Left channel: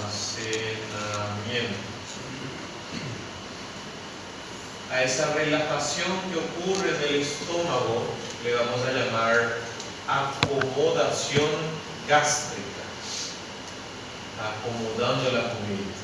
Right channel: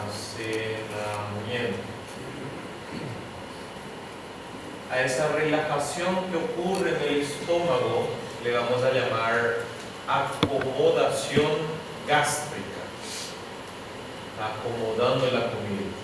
almacenamiento. A esa relajación que ocurre en el estómago le vamos a llamar acomodación gástrica. Acomodando la comida.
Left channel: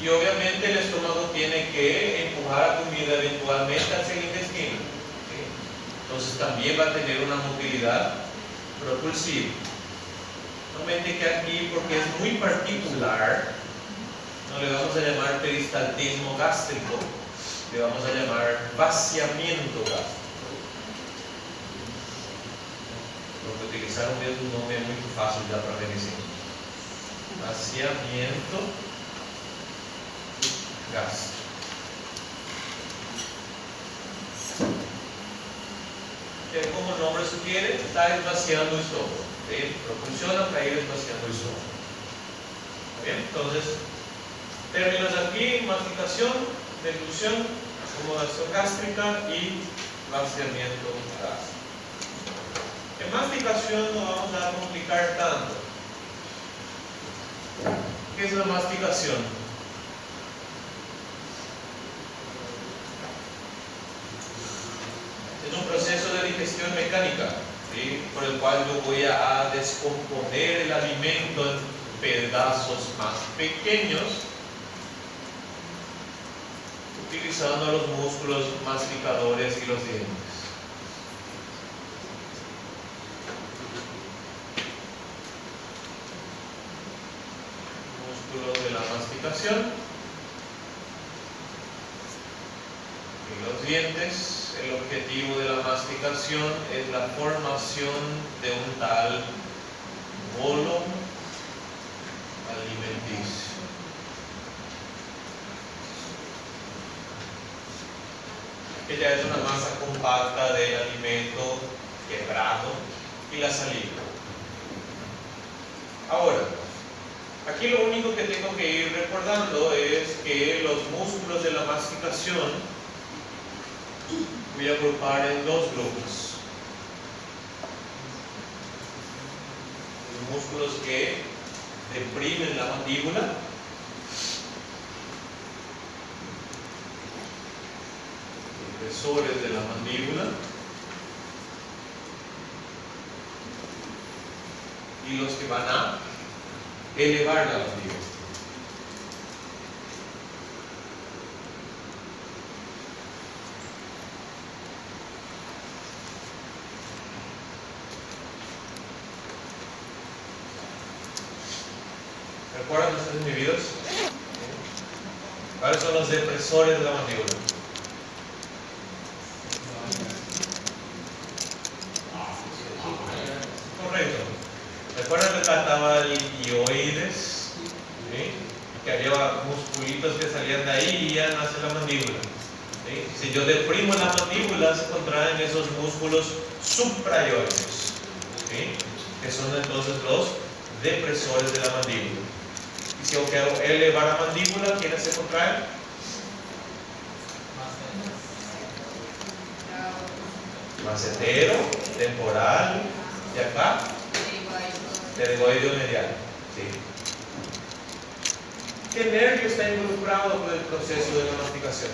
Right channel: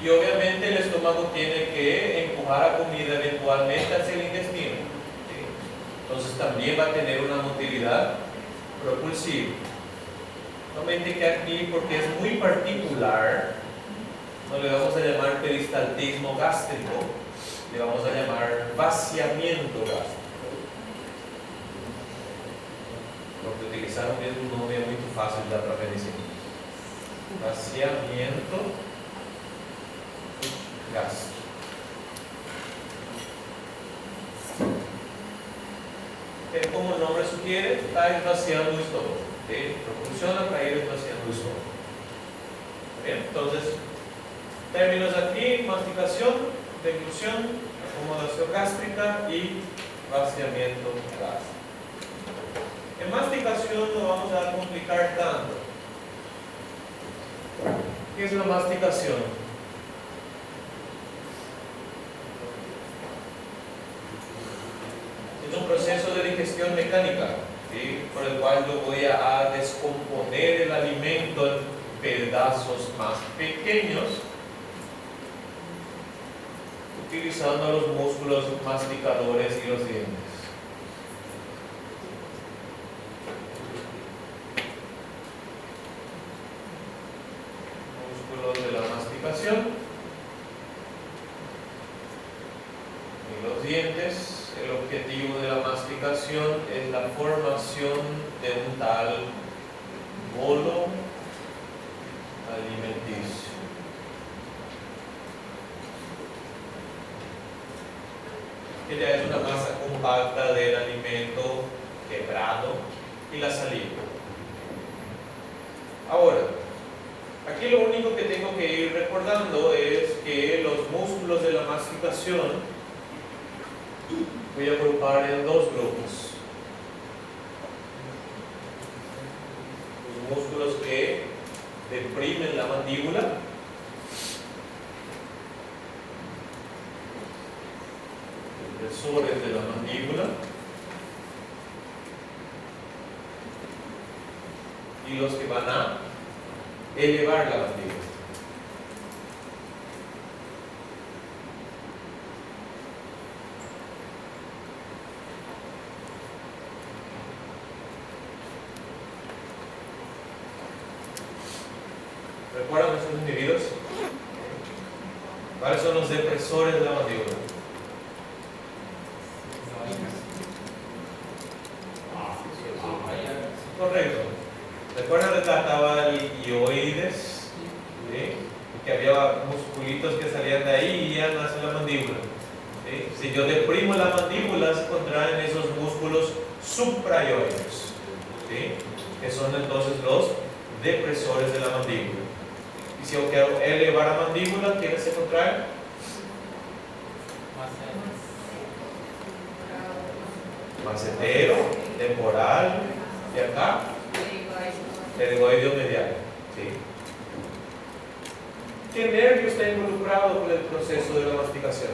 Y obviamente el estómago tiene que empujar la comida eventualmente hacia el intestino. Entonces también va a tener una motilidad propulsiva. Solamente que aquí, porque es muy particular, no le vamos a llamar peristaltismo gástrico, le vamos a llamar vaciamiento gástrico. Porque utilizaron un nombre muy fácil de aprender. Vaciamiento gástrico. Como el nombre sugiere, está vaciando el estómago. Propulsiona para ir vaciando el estómago. Bien, entonces, términos aquí: masticación, deglución, acomodación gástrica y vaciamiento gástrico. En masticación no vamos a complicar tanto. ¿Qué es la masticación? Es un proceso de digestión mecánica, ¿sí? Por el cual yo voy a descomponer el alimento en pedazos más pequeños, utilizando los músculos masticadores y los dientes. Músculos de la masticación y los dientes. El objetivo de la masticación es la formación de un tal bolo alimenticio. Que ya es una masa compacta del alimento quebrado y la saliva. Ahora, aquí lo único que tengo que ir recordando es que los músculos de la masticación voy a agrupar en dos grupos. Los músculos que deprimen la mandíbula depresores de la mandíbula y los que van a elevar la mandíbula. ¿Recuerdan estos individuos? ¿Cuáles son los depresores de la mandíbula? Correcto. ¿Recuerdan que estaba el hioides? ¿Sí? Y que había musculitos que salían de ahí y iban hacia la mandíbula. ¿Sí? Si yo deprimo la mandíbula, se contraen esos músculos suprahioides, ¿sí? Que son entonces los depresores de la mandíbula. Y si yo quiero elevar la mandíbula, ¿quiénes se contraen? Macetero, temporal, y acá, pterygoideo medial. ¿Sí? ¿Qué nervio está involucrado con el proceso de la masticación?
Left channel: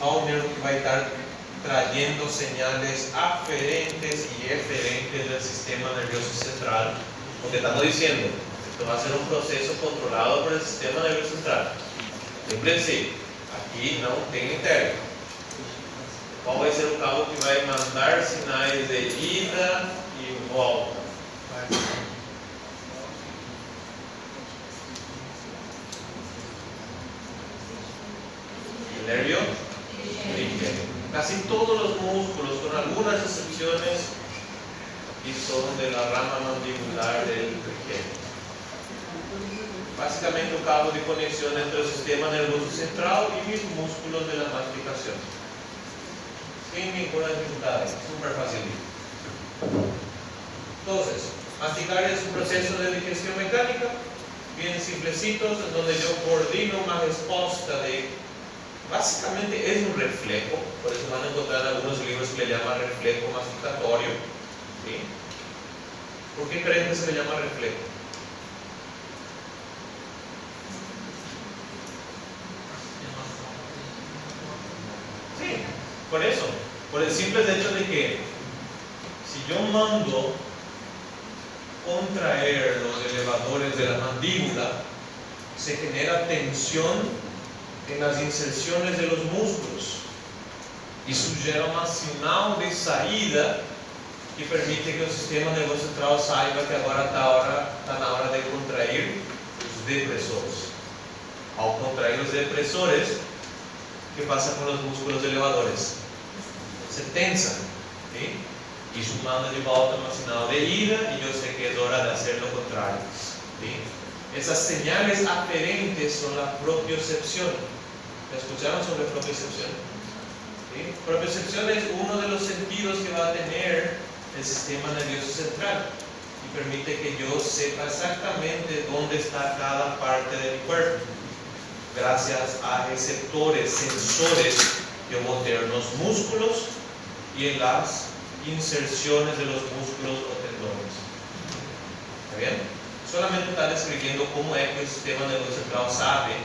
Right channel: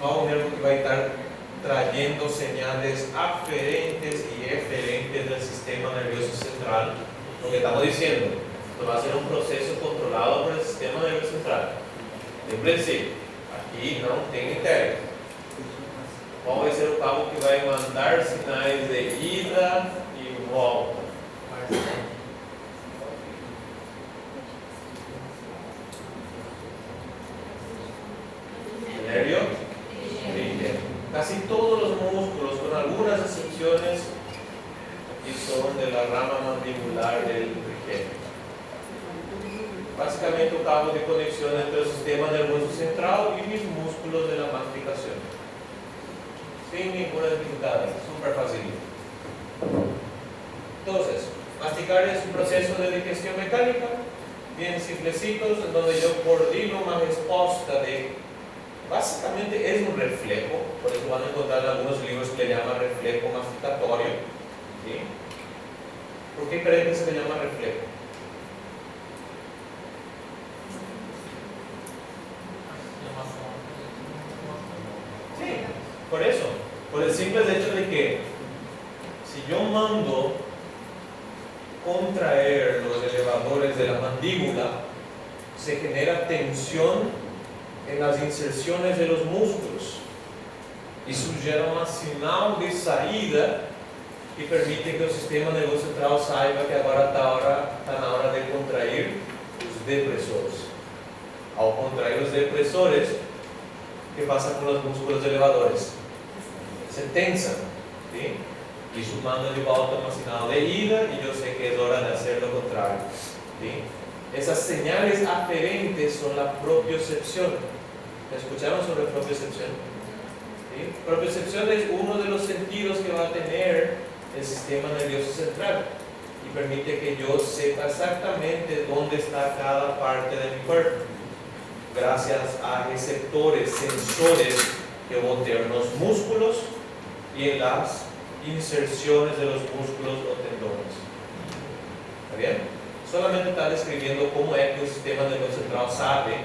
Un nervio que va a estar trayendo señales aferentes y eferentes del sistema nervioso central. Lo que estamos diciendo, esto va a ser un proceso controlado por el sistema nervioso central. Lembrem-se, aquí não tem interno. Qual vai ser o cabo que vai mandar sinais de ida e volta? El nervio trigeminal. Casi todos los músculos, con algunas excepciones, aquí son de la rama mandibular del trigeminal. Básicamente un cabo de conexión entre el sistema nervioso central y mis músculos de la masticación. Sin ninguna dificultad, súper fácil. Entonces, Masticar es un proceso de digestión mecánica, bien simplecitos, en donde yo coordino una respuesta de, básicamente es un reflejo, por eso van a encontrar algunos libros que le llaman reflejo masticatorio. ¿Sí? ¿Por qué creen que se le llama reflejo? Sí, por eso, por el simple hecho de que si yo mando contraer los elevadores de la mandíbula, se genera tensión en las inserciones de los músculos y eso gera una señal de salida que permite que el sistema nervioso central saiba que agora está na hora de contrair os depressores. Ao contrair os depressores, ¿qué pasa con los músculos elevadores? Se tensan, ¿sí? Y eso manda de volta una señal de ida y yo sé que es hora de hacer lo contrario, ¿sí? Esas señales aferentes son la propiocepción. ¿Me escucharon sobre propiocepción? ¿Sí? Propiocepción es uno de los sentidos que va a tener el sistema nervioso central y permite que yo sepa exactamente dónde está cada parte de mi cuerpo, gracias a receptores, sensores que voy a tener en los músculos y en las inserciones de los músculos o tendones. ¿Está bien? Solamente está describiendo cómo es que el sistema nervioso central sabe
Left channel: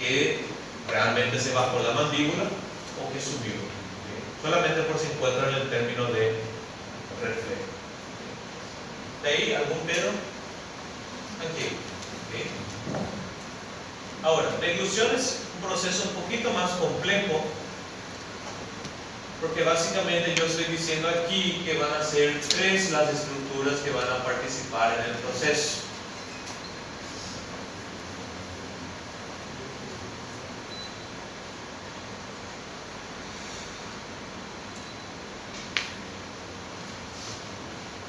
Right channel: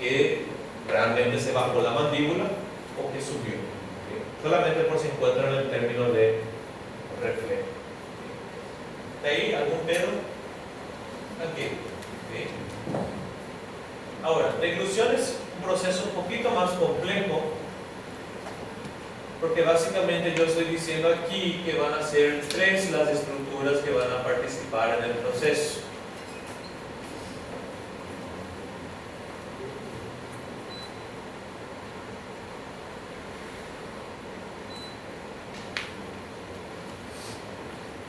que realmente se bajó la mandíbula o que subió. ¿Sí? Solamente por si encuentran el término de reflejo. ¿De ahí algún pedo? Aquí. ¿Sí? Ahora, deglución es un proceso un poquito más complejo, porque básicamente yo estoy diciendo aquí que van a ser 3 las estructuras que van a participar en el proceso.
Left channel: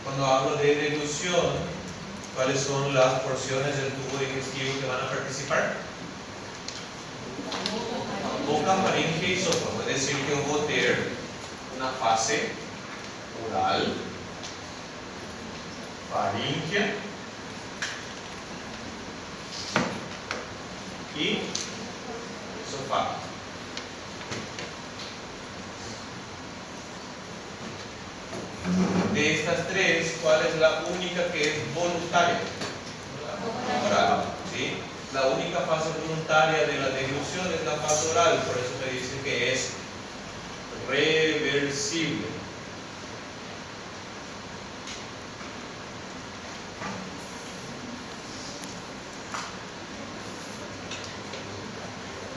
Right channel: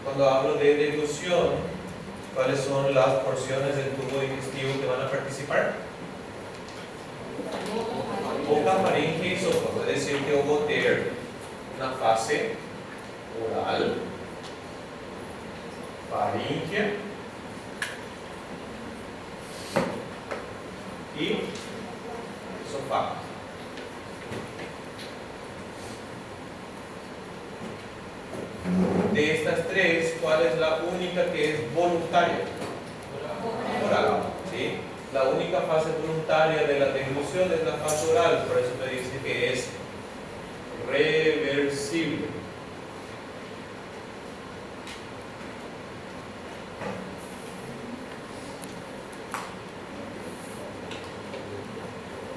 Cuando hablo de deglución, ¿cuáles son las porciones del tubo digestivo que van a participar? Boca, faringe y esófago. Es decir, que voy a tener una fase oral, faringe y esófago. De estas 3, ¿cuál es la única que es voluntaria? Oral, ¿sí? La única fase voluntaria de la deglución es la fase oral, por eso me dice que es reversible.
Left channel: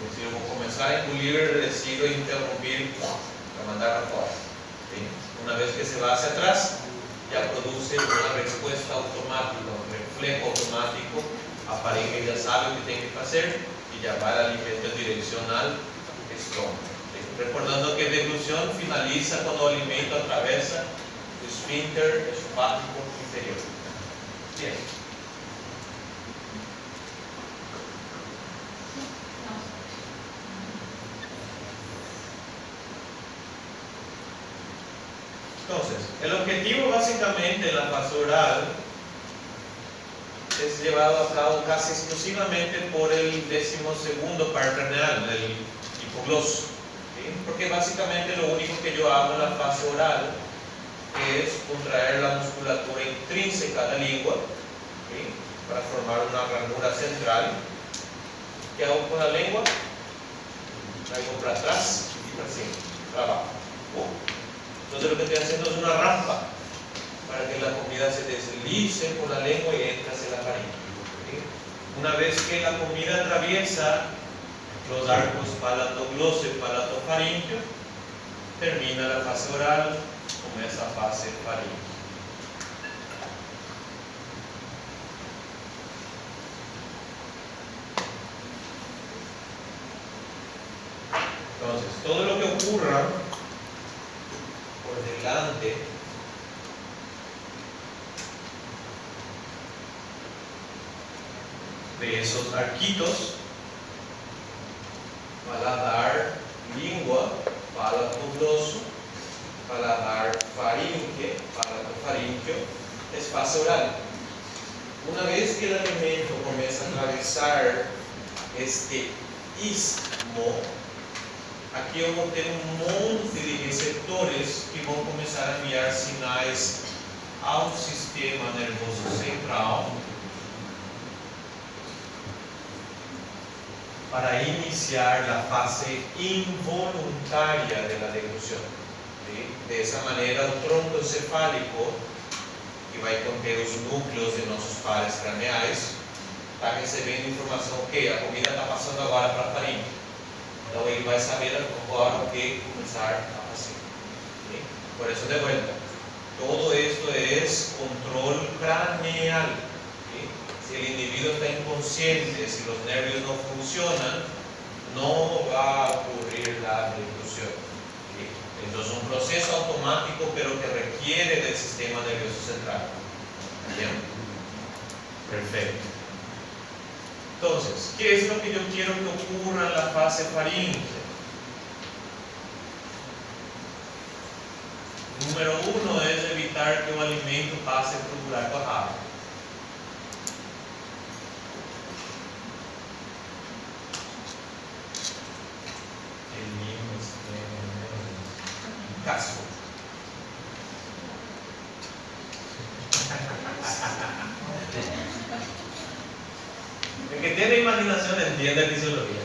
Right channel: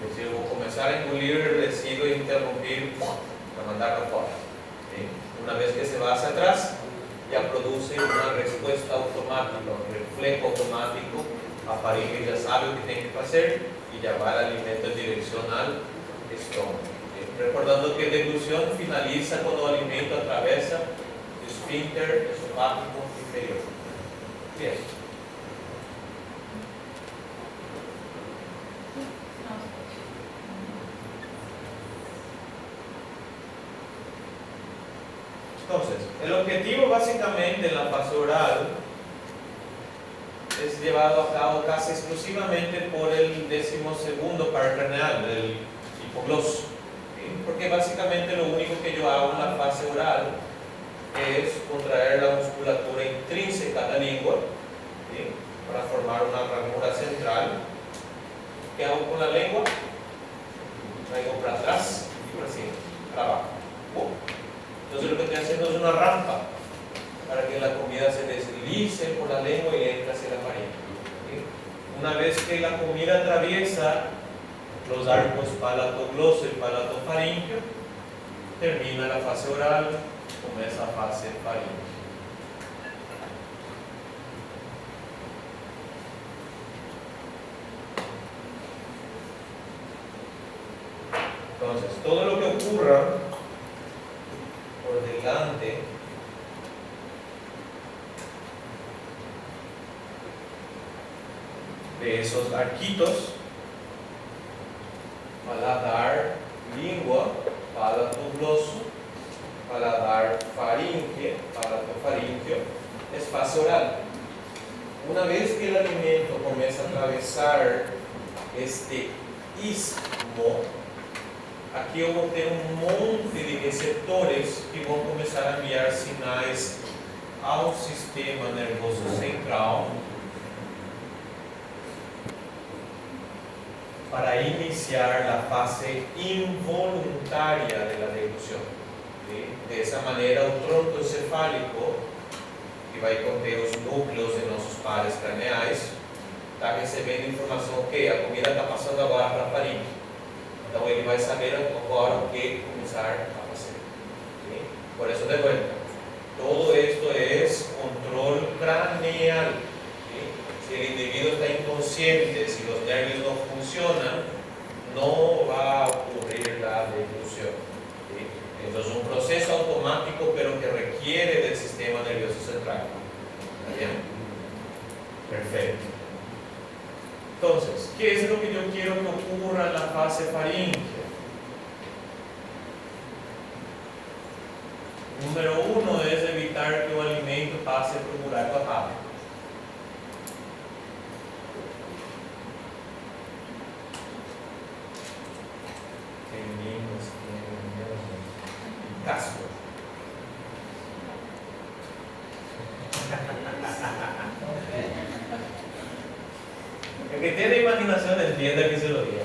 Es decir, voy a comenzar a engolir, decido interrumpir para mandarlo fuera. ¿Sí? Una vez que se va hacia atrás, ya produce una respuesta automática, un reflejo automático. La faringe ya sabe lo que tiene que hacer y ya va el alimento en dirección al estómago. Recordando que deglución finaliza cuando el alimento atraviesa el esfínter esofágico inferior. Bien. Entonces, el objetivo básicamente en la fase oral es llevado a cabo casi exclusivamente por el 12º par craneal, el hipogloso. ¿Sí? Porque básicamente lo único que yo hago en la fase oral es contraer la musculatura intrínseca de la lengua, ¿sí? Para formar una ranura central. ¿Qué hago con la lengua? Traigo para atrás y para encima, para abajo. Entonces lo que estoy haciendo es una rampa para que la comida se deslice por la lengua y entre hacia la faringe. ¿Sí? Una vez que la comida atraviesa los arcos palatogloso y palatofaringeo, termina la fase oral con esa fase faríngea. Entonces, todo lo que ocurra por delante de esos arquitos, paladar, lengua, palatogloso, paladar faringe, palatofaringeo, es fase oral. Una vez que el alimento comienza a atravesar este istmo, aqui eu vou ter um monte de receptores que vão começar a enviar sinais ao sistema nervoso central para iniciar a fase involuntária da deglução. Dessa maneira, o tronco encefálico, que vai conter os núcleos de nossos pares craneais, está recebendo informação que a comida está passando agora para a faringe. Então ele vai saber agora o que começar a fazer. ¿Sí? Por isso, de vuelta, todo esto es control craneal. ¿Sí? Si el individuo está inconsciente, si los nervios no funcionan, no va a ocurrir la deglución. ¿Sí? Entonces es un proceso automático, pero que requiere del sistema nervioso central. ¿Bien? Perfecto. Entonces, ¿qué es lo que yo quiero que ocurra en la fase faríngea? Número 1 es evitar que el alimento pase por un buraco rápido. Casco. El que tiene imaginación entiende fisiología.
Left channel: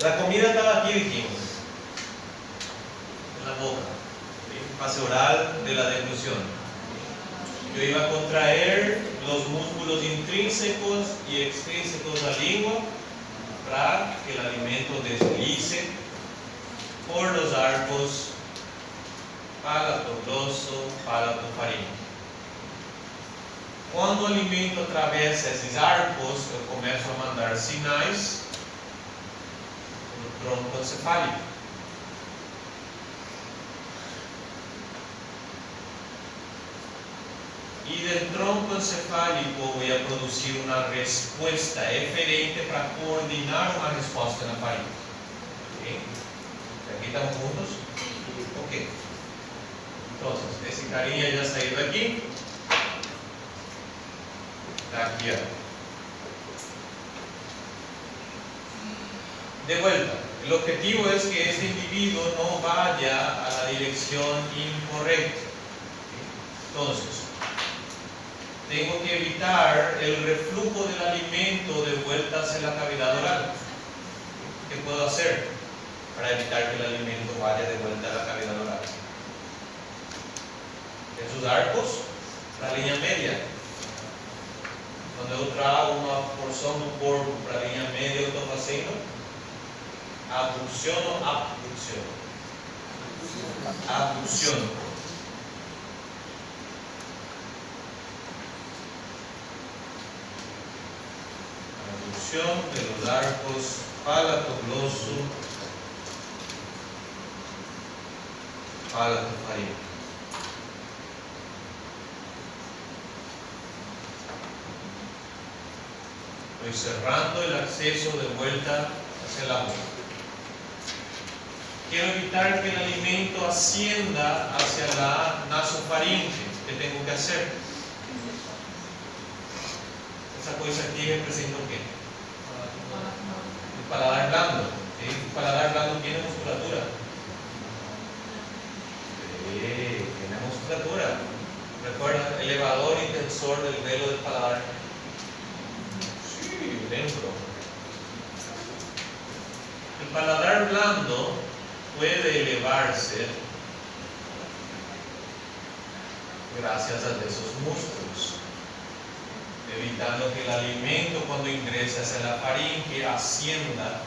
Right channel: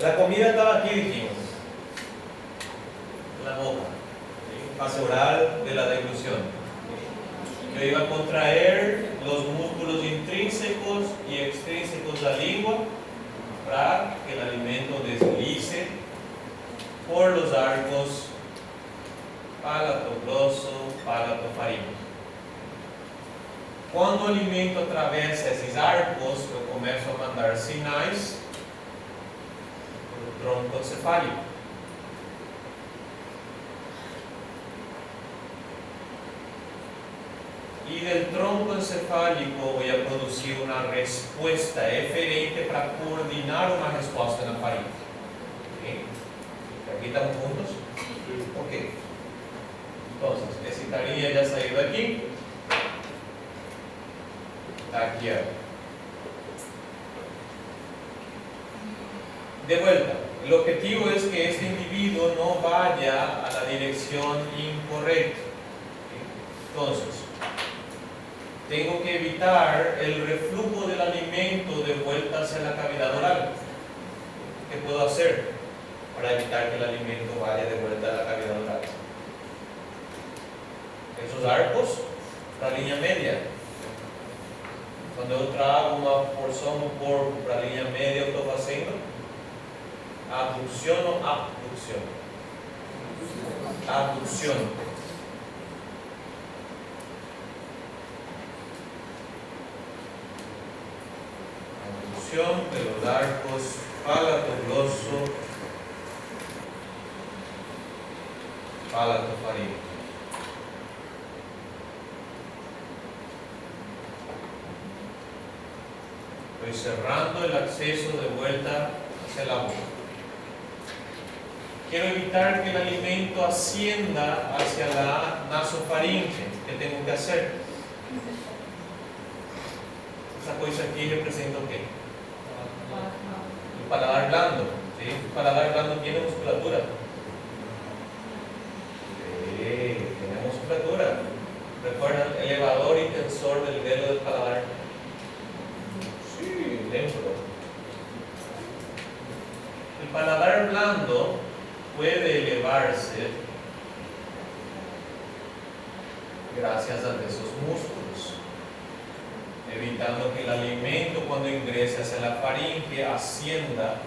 La comida estaba aquí, dijimos, en la boca, fase oral de la deglución. Yo iba a contraer los músculos intrínsecos y extrínsecos de la lengua para que el alimento deslice por los arcos palato grosso, palato faríngeo. Quando o alimento atravessa esses arcos, eu começo a mandar sinais no tronco encefálico. E do tronco encefálico vou produzir uma resposta eferente para coordenar uma resposta na faringe. Okay? Aqui estamos juntos? Ok. Então, esse carinha já saiu daqui. Aquí. De vuelta, el objetivo es que este individuo no vaya a la dirección incorrecta. Entonces, tengo que evitar el reflujo del alimento de vuelta hacia la cavidad oral. ¿Qué puedo hacer para evitar que el alimento vaya de vuelta a la cavidad oral? Esos arcos, la línea media. Quando eu trago uma porção do corpo para a linha média, eu estou fazendo abdução ou abdução? Abdução. Abdução pelos arcos palato grosso, palato faríngeo. Estoy cerrando el acceso de vuelta hacia la boca. Quiero evitar que el alimento ascienda hacia la nasofaringe. ¿Qué tengo que hacer? Esa cosa aquí representa ¿qué? El paladar blando. ¿Sí? El paladar blando tiene musculatura. Sí, tiene musculatura. Recuerda, elevador y tensor del velo del paladar. Lembro. El paladar blando puede elevarse gracias a esos músculos, evitando que el alimento cuando ingrese hacia la faringe ascienda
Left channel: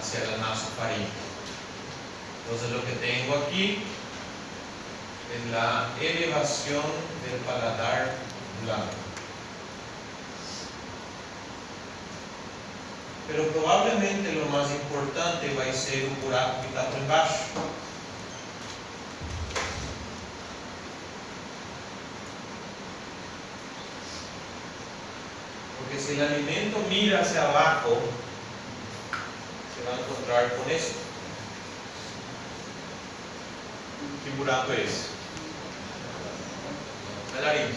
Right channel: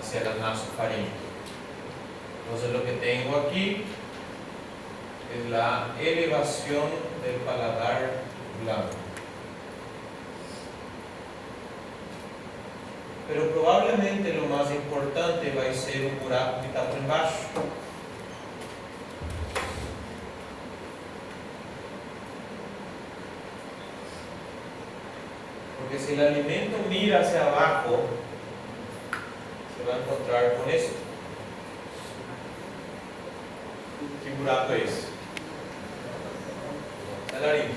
hacia la nasofaringe. Entonces lo que tengo aquí es la elevación del paladar blando. Pero probablemente lo más importante va a ser o buraco que está por embaixo. Porque si el alimento mira hacia abajo, se va a encontrar con eso. ¿Qué buraco es? la laringe.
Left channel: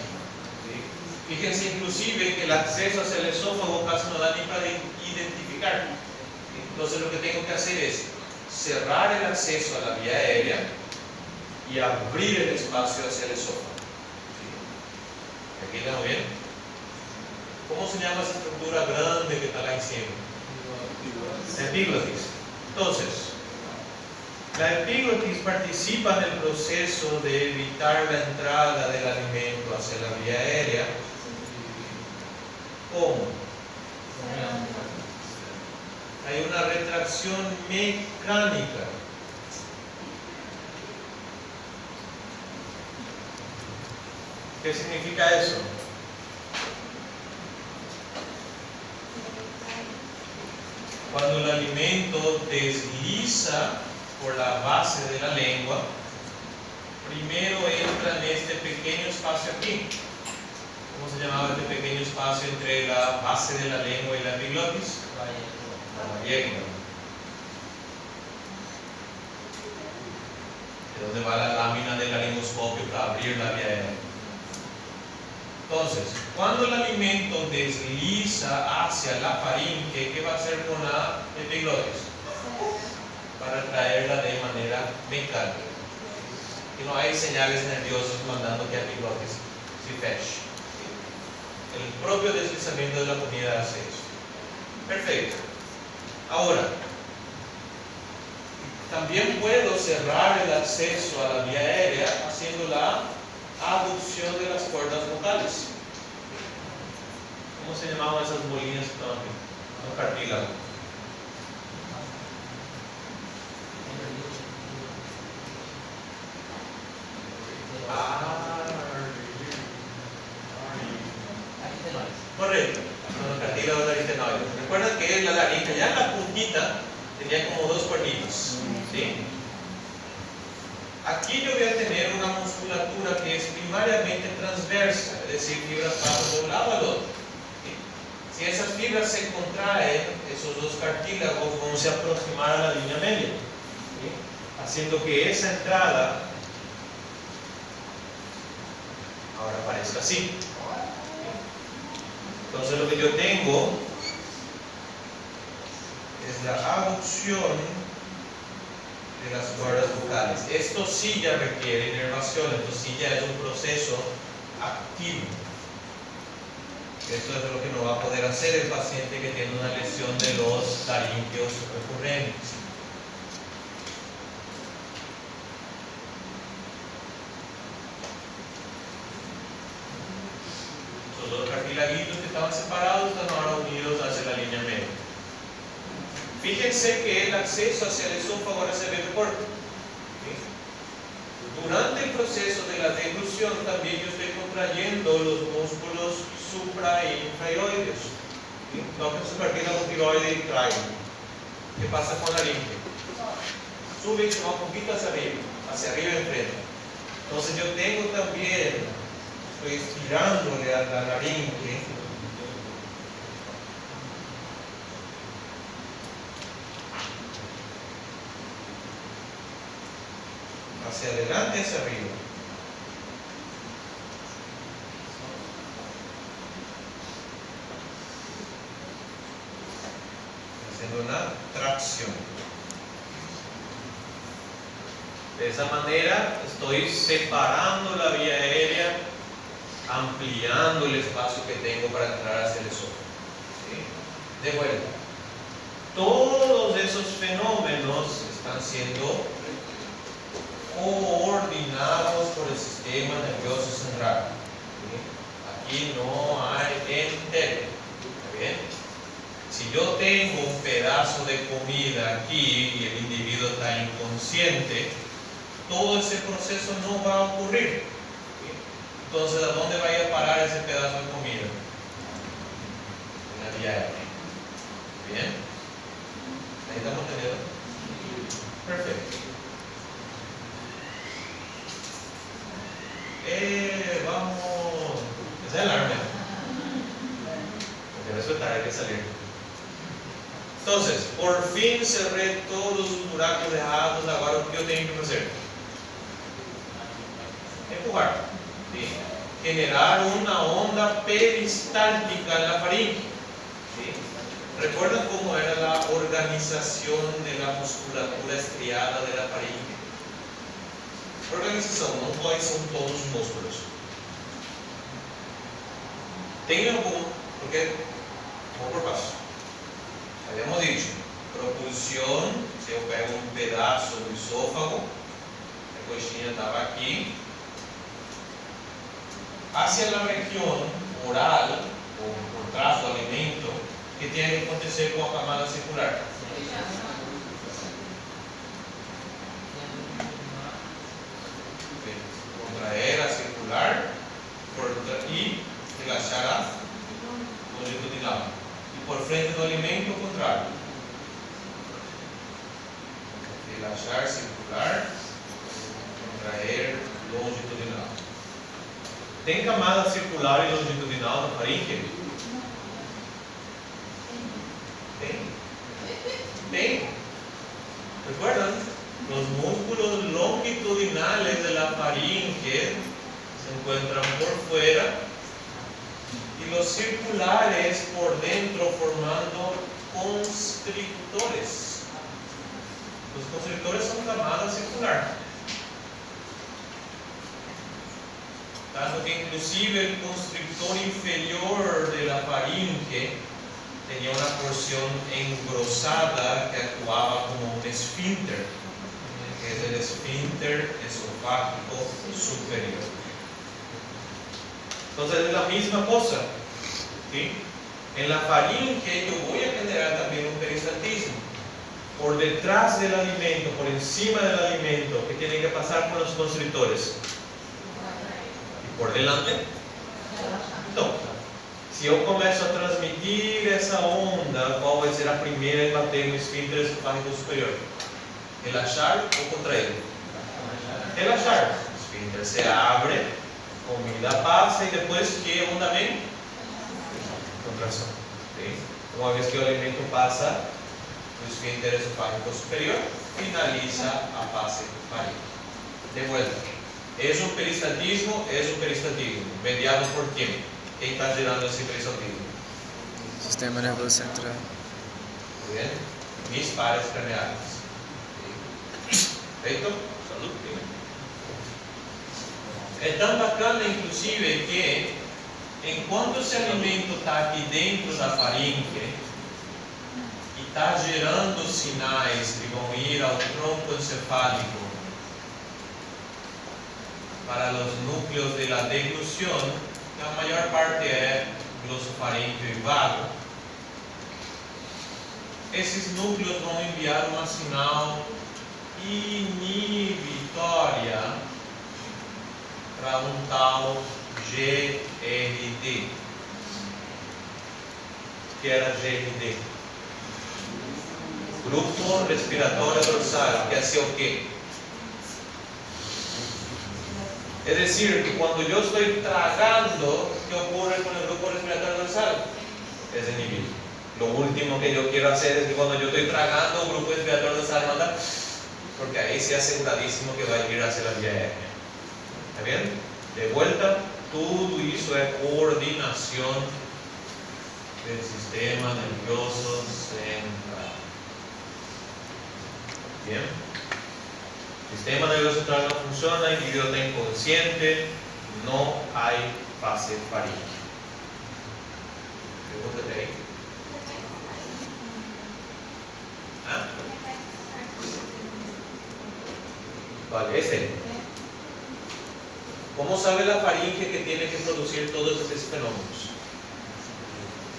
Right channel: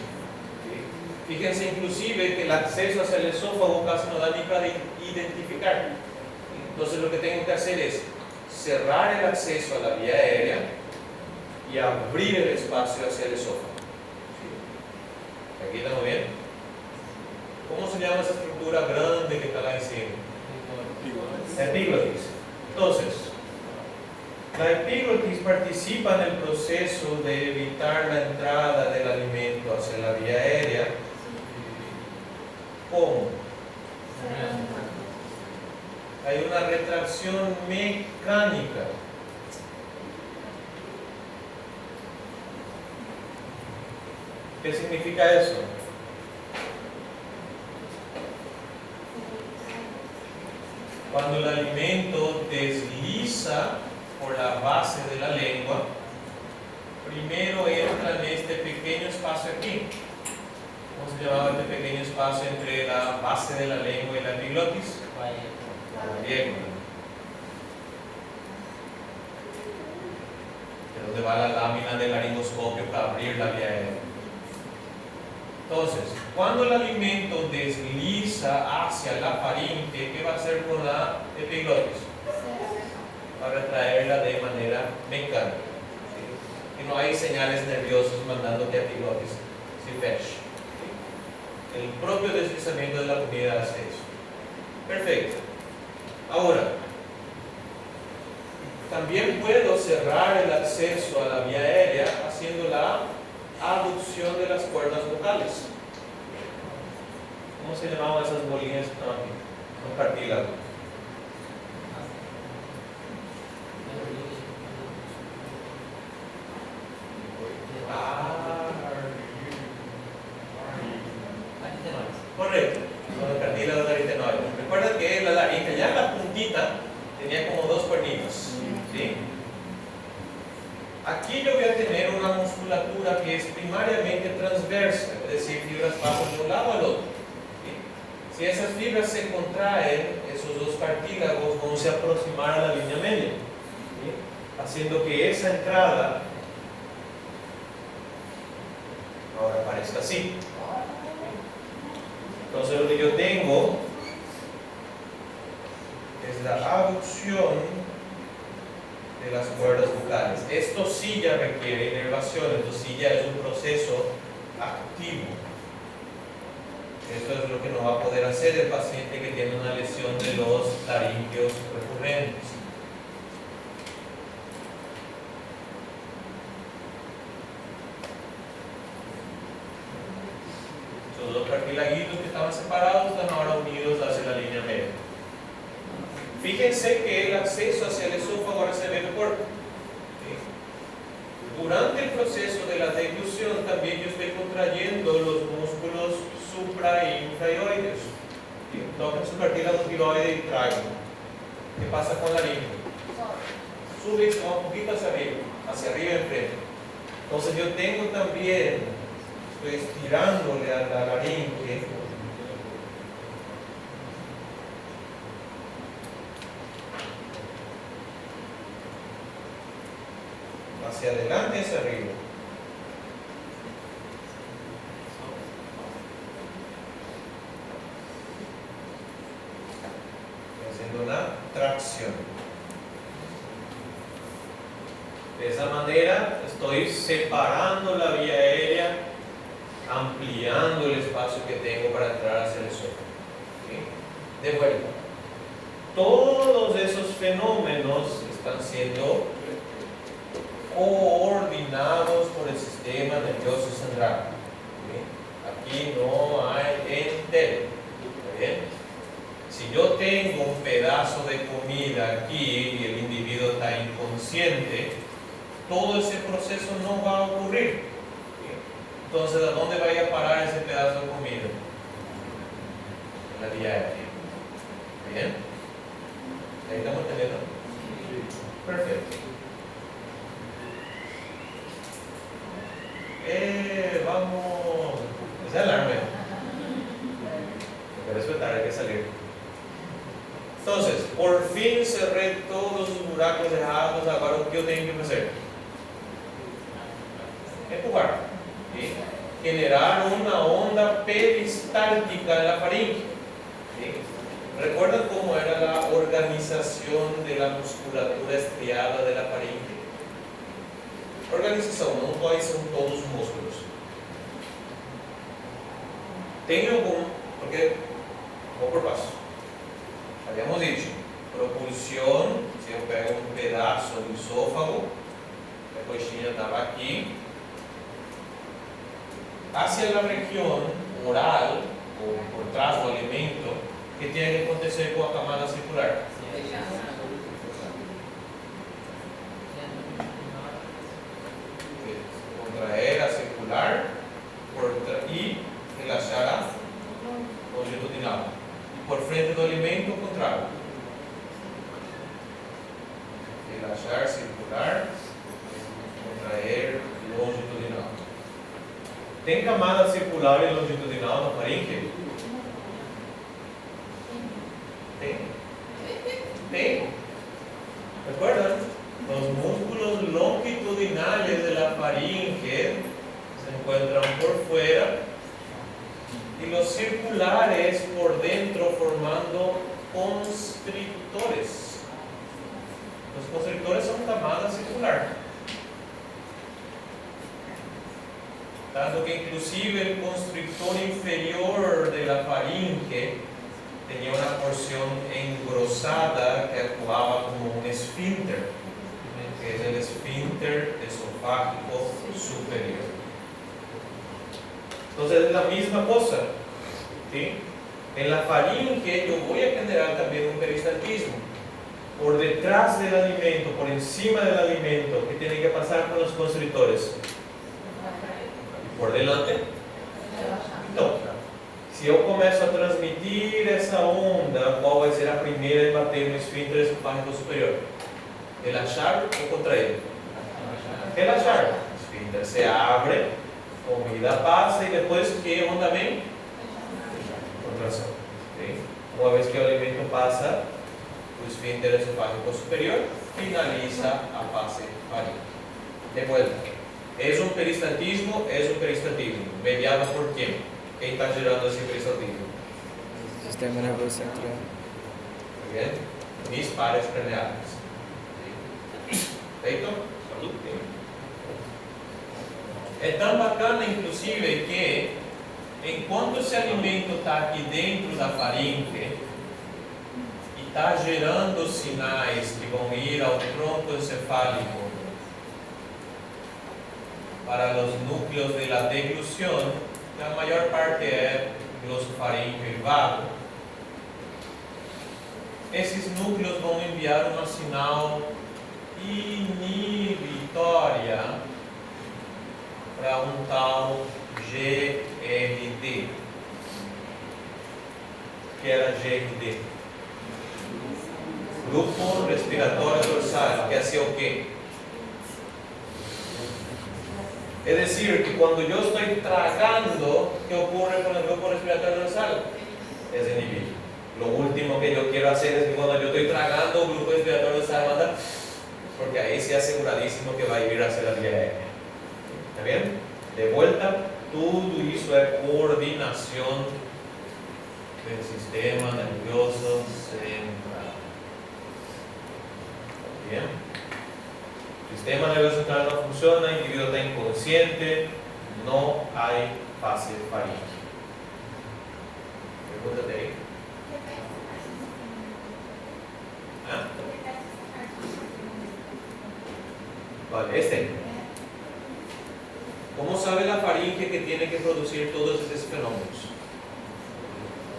¿Sí? Fíjense inclusive que el acceso hacia el esófago casi no da ni para identificar. Entonces lo que tengo que hacer es cerrar el acceso a la vía aérea y abrir el espacio hacia el esófago. ¿Sí? ¿Aquí estamos bien? ¿Cómo se llama esa estructura grande que está ahí encima? Epiglotis. Entonces, la epiglotis participa en el proceso de evitar la entrada del alimento hacia la vía aérea. ¿Cómo? Hay una retracción mecánica. ¿Qué significa eso? Cuando el alimento desliza por la base de la lengua, primero entra en este pequeño espacio aquí. ¿Cómo se llamaba este pequeño espacio entre la base de la lengua y la epiglotis? La yegua. Es donde va la lámina del laringoscopio para abrir la vía aérea. Entonces, cuando el alimento desliza hacia la faringe, ¿qué va a hacer con la epiglotis? Para traerla de manera mecánica. Y no hay señales nerviosas mandando que epiglotis se feche. El propio deslizamiento de la comida hace eso. Perfecto. Ahora, también puedo cerrar el acceso a la vía aérea haciendo la abducción de las cuerdas vocales. ¿Cómo se llamaban esas bolinas? No, cartílago. Correcto, los cartílagos aritenoides. Recuerden que la laringe ya en la puntita tenía como dos cuernitos. ¿Sí? Aquí yo voy a tener una musculatura que es primariamente transversa, es decir, fibras pasan de un lado al otro. ¿Sí? Si esas fibras se contraen, esos dos cartílagos van a aproximar a la línea media, ¿sí? Haciendo que esa entrada ahora parezca así. Entonces lo que yo tengo es la abducción de las cuerdas vocales. Esto sí ya requiere inervación, esto sí ya es un proceso activo. Esto es lo que no va a poder hacer el paciente que tiene una lesión de los laringeos recurrentes. Los dos cartilaguitos que estaban separados están ahora unidos hacia la línea media. Fíjense que el acceso hacia el esófago ahora se ve mejor. ¿Sí? Durante el proceso de la deglución también yo estoy contrayendo los músculos supra e infrahiroides. ¿Sí? Toquen su cartílago tiroide y traigan. ¿Qué pasa con la laringe? Sube y se va un poquito hacia arriba enfrente. Entonces yo tengo también, estoy estirándole a la laringe. Hacia adelante y hacia arriba. Haciendo una tracción. De esa manera estoy separando la vía aérea, ampliando el espacio que tengo para entrar hacia el esófago. ¿Sí? De vuelta. Todos esos fenómenos están siendo coordinados por el sistema nervioso central. ¿Sí? Aquí no hay entero. ¿Está bien? Si yo tengo un pedazo de comida aquí y el individuo está inconsciente, todo ese proceso no va a ocurrir. ¿Sí? Entonces, ¿a dónde va a ir a parar ese pedazo de comida? En la vía aérea. ¿Bien? ¿Ahí estamos entendiendo? Perfecto. Vamos. Ese alarme. Porque resulta hay que salir. Entonces, por fin cerré todos los buracos dejados. Ahora, ¿qué yo tengo que hacer? Empujar. ¿Sí? generar una onda peristáltica en la faringe. ¿Sí? ¿Recuerdan cómo era la organización de la musculatura estriada de la faringe? Organización, no cuáles son todos los músculos. Tengan porque, vamos por paso. Habíamos dicho, propulsión, se eu pego un pedazo do esófago, la coxinha estaba aquí, hacia la región oral, o por trás do alimento, que tiene que acontecer con la camada circular. Contraer a circular y relaxar a longitudinal. Y por frente do alimento, o contrário. Relaxar, circular, contraer, longitudinal. Tem camada circular e longitudinal na faringe? Tem. ¿Recuerdan? Los músculos longitudinales de la faringe se encuentran por fuera y los circulares por dentro formando constrictores. Los constrictores son camada circular. Tanto que inclusive el constrictor inferior de la faringe tenía una porción engrosada que actuaba como un esfínter, que es el esfínter esofágico superior. Entonces es la misma cosa, ¿sí? En la faringe yo voy a generar también un peristaltismo. Por detrás del alimento, por encima del alimento, ¿qué tiene que pasar con los constrictores? ¿Por delante? No. Si yo comienzo a transmitir esa onda, ¿cuál va a ser la primera en bater en el esfínter esofágico superior? Relaxar o contraer. Relaxar. El esfínter se abre, comida pasa y después, ¿qué onda también? Contracción. ¿Sí? Una vez que el alimento pasa, el esfínter esofágico superior finaliza a fase faríngea. De vuelta. ¿Es un peristaltismo? Es un peristaltismo. ¿Mediado por quién? ¿Quién está gerando ese peristaltismo? Sistema nervoso central. Muy bien. Mis pares craneales. ¿Perfecto? Salud. Es tan bacana, inclusive, que en cuanto ese alimento está aquí dentro de la faringe y está gerando sinais que vão ir ao tronco encefálico para los núcleos de la deglución, la mayor parte es glosofaríngeo y vago. Esses núcleos vão enviar uma sinal inibitória para um tal GRD. Que era GRD? Grupo respiratório dorsal, que hace o quê? Es decir, que cuando yo estoy tragando, ¿qué ocurre con el grupo respiratorio dorsal? Es inhibir. Lo último que yo quiero hacer es que cuando yo estoy tragando, el grupo respiratorio dorsal manda, porque ahí se aseguradísimo que va a ir hacia la vía aérea. ¿Está bien? De vuelta, todo eso es coordinación del sistema nervioso central. ¿Bien? El sistema nervioso central no funciona, el individuo está inconsciente, no hay fase faríngea. Pregúntate ahí. ¿Ah? Vale, ¿Cómo sabe la faringe que tiene que producir todos estos fenómenos?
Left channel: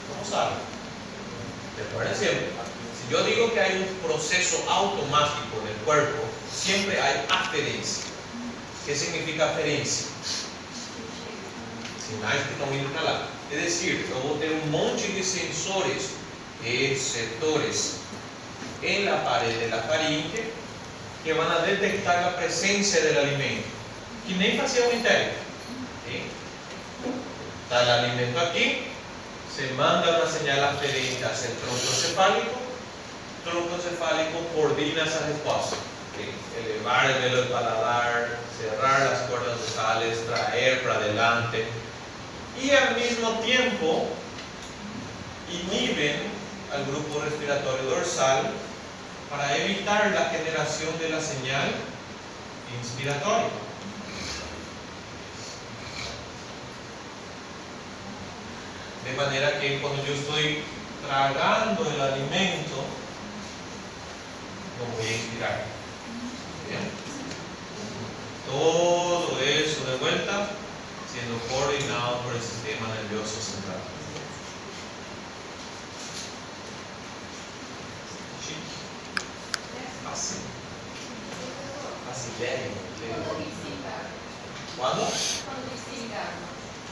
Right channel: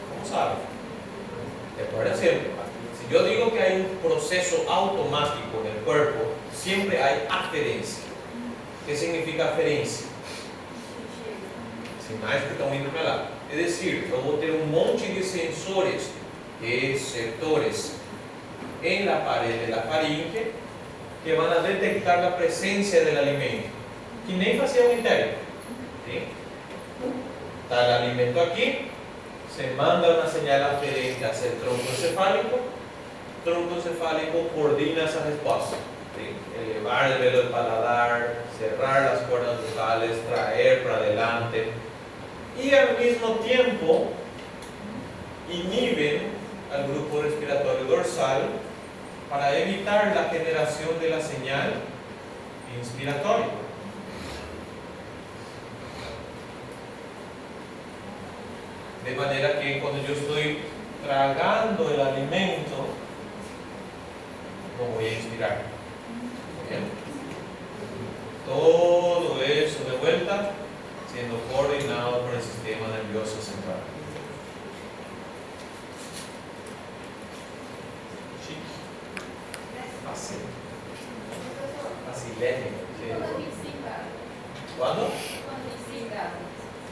¿Cómo sabe? Recuerden siempre. Si yo digo que hay un proceso automático en el cuerpo, siempre hay aferencia. ¿Qué significa aferencia? Sinais que estão indo para lá. Es decir, yo voy a tener un monte de sensores, receptores, en la pared de la faringe que van a detectar la presencia del alimento, que nem fazia un interno. ¿Sí? Está el alimento aquí, se manda una señal aferente hacia el tronco encefálico coordina esa respuesta. ¿sí? Elevar el velo del paladar, cerrar las cuerdas vocales, traer para adelante y al mismo tiempo inhiben al grupo respiratorio dorsal para evitar la generación de la señal inspiratoria. De manera que cuando yo estoy tragando el alimento, no voy a inspirar. ¿Bien? Todo eso de vuelta siendo coordinado por el sistema nervioso central. Sí. Así. Así. ¿Cuándo?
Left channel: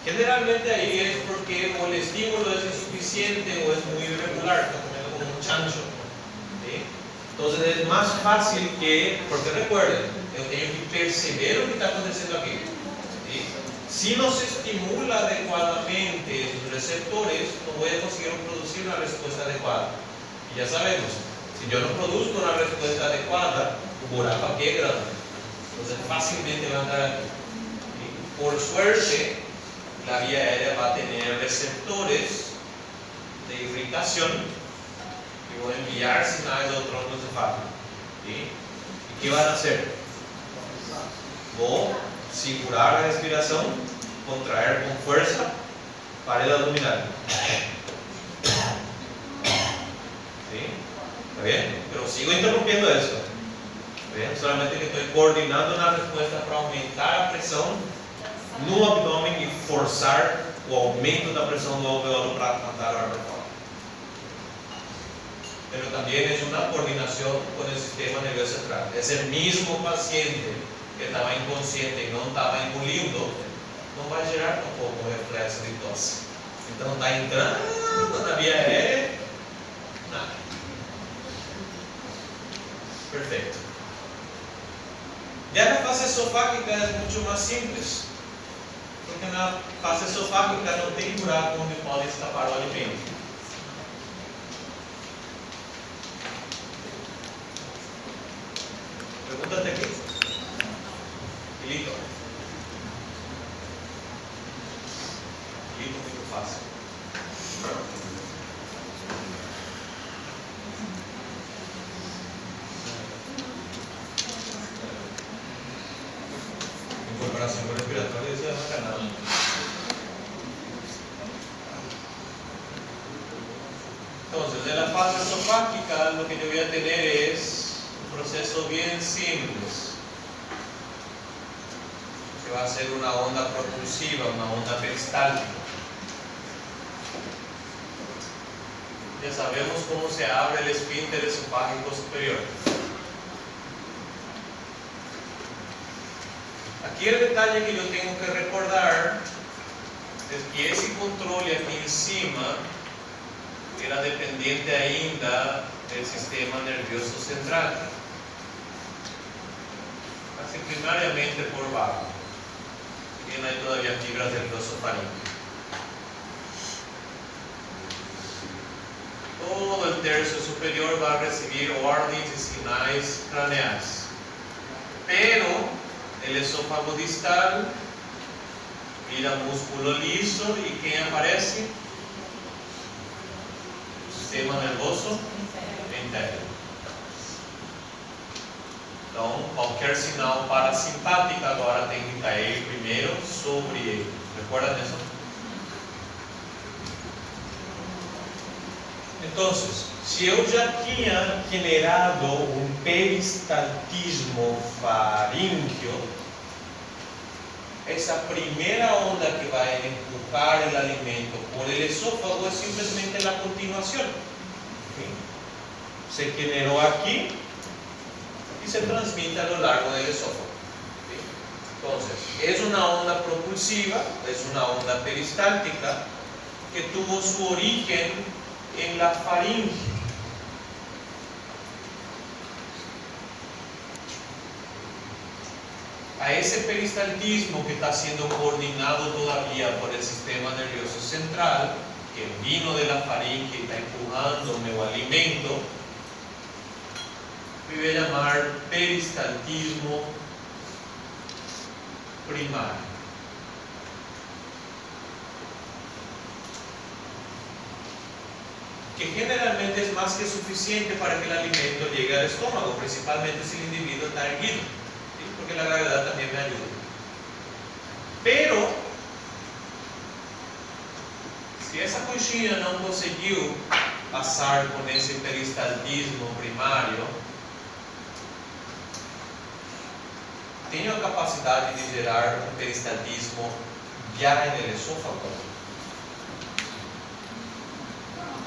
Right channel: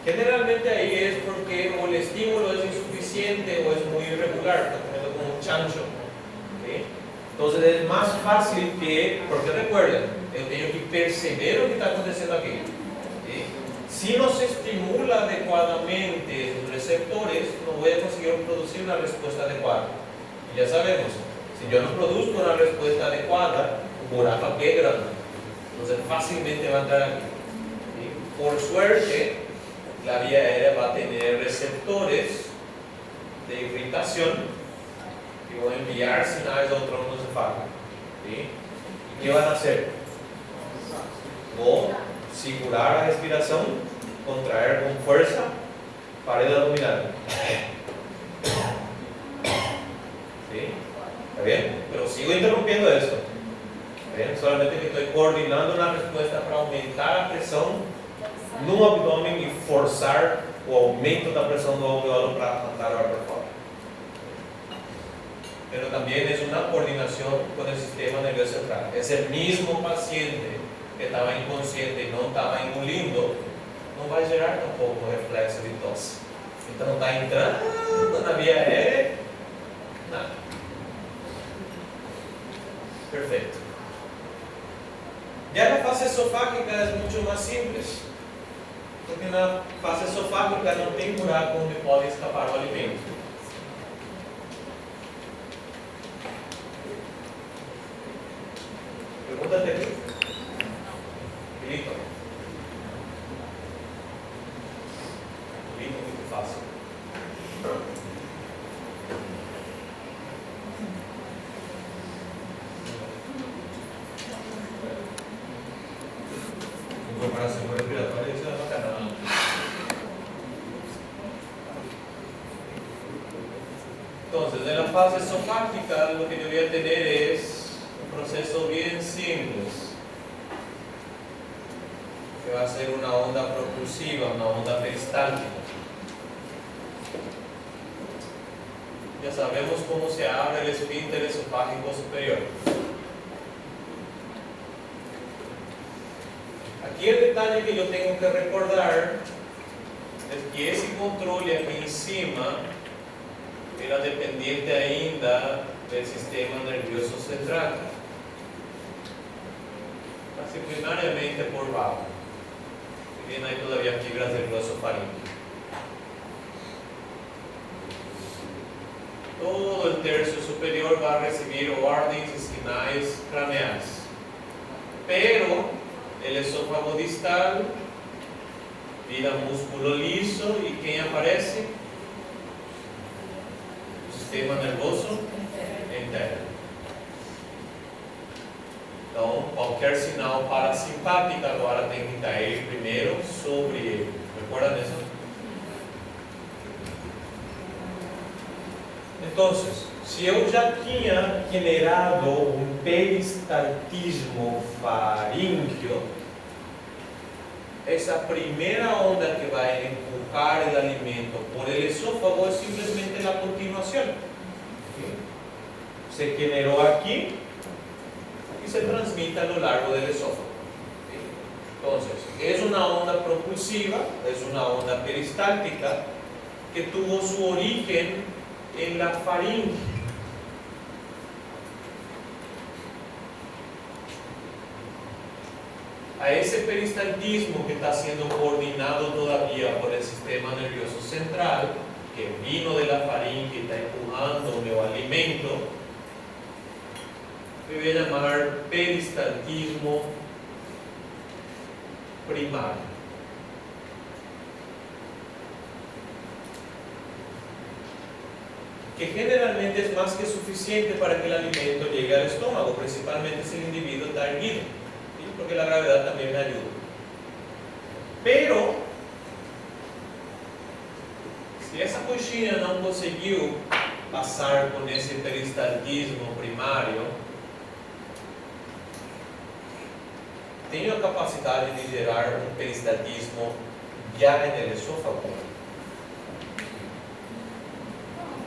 Generalmente ahí es porque o el estímulo es insuficiente o es muy irregular, como un chancho. ¿Sí? Entonces es más fácil que, porque recuerden, yo tengo que percibir lo que está aconteciendo aquí. ¿Sí? Si no se estimula adecuadamente esos receptores, no voy a conseguir producir una respuesta adecuada. Y ya sabemos, si yo no produzco una respuesta adecuada, por a pie grande. Entonces fácilmente va a entrar aquí. ¿Sí? Por suerte, la vía aérea va a tener receptores de irritación y van a enviar señales al tronco encefálico. ¿Sí? ¿Y qué van a hacer? O segurar la respiración, contraer con fuerza, pared abdominal. ¿Sí? ¿Está bien? Pero sigo interrumpiendo eso. ¿Bien? Solamente que estoy coordinando una respuesta para aumentar la presión no abdomen y forzar o aumento da pressão do alveolo para mandar o ar para fora. Pero también es una coordinación con el sistema nervioso central. Ese mismo paciente que estaba inconsciente y no estaba engolindo, no va a gerar tampoco reflexo de tosse. Então está entrando na via aérea, nada. Perfecto. Ya la fase esofágica es mucho más simple. Porque na fase esofágica não tem buraco onde pode escapar o alimento. Pergunta até aqui. Filipe. Filipe, muito fácil. Em comparação com o respiratório, isso é bacana. Entonces, en la fase esofágica lo que yo voy a tener es un proceso bien simple, que va a ser una onda propulsiva, una onda peristáltica. Ya sabemos cómo se abre el esfínter esofágico superior. Aquí el detalle que yo tengo que recordar es que ese control aquí encima era dependiente ainda del sistema nervioso central, casi primariamente por vago. Bien, hay todavía fibras del gloso faríngeo. Todo el tercio superior va a recibir órdenes y señales craneales, pero el esófago distal mira músculo liso y ¿quién aparece? Sistema nervoso interno. Então, qualquer sinal parasimpático agora tem que cair primeiro sobre ele. Recuerdan eso? Entonces, se eu já tinha generado um peristaltismo faríngeo, essa primeira onda que vai empujar o alimento por el esófago é simplesmente a continuação. ¿Sí? Se generou aqui e se transmite a lo largo del esófago. ¿Sí? Entonces, es una onda propulsiva, es una onda peristáltica que tuvo su origen en la faringe. A ese peristaltismo que está siendo coordinado todavía por el sistema nervioso central, que vino de la faringe y está empujando el alimento, que voy a llamar peristaltismo primario. Que generalmente es más que suficiente para que el alimento llegue al estómago, principalmente si el individuo está erguido, ¿sí? Porque la gravedad también me ayuda. Pero, si esa coxinha no conseguiu pasar con ese peristaltismo primario, tenho a capacidade de gerar um peristaltismo já no esôfago.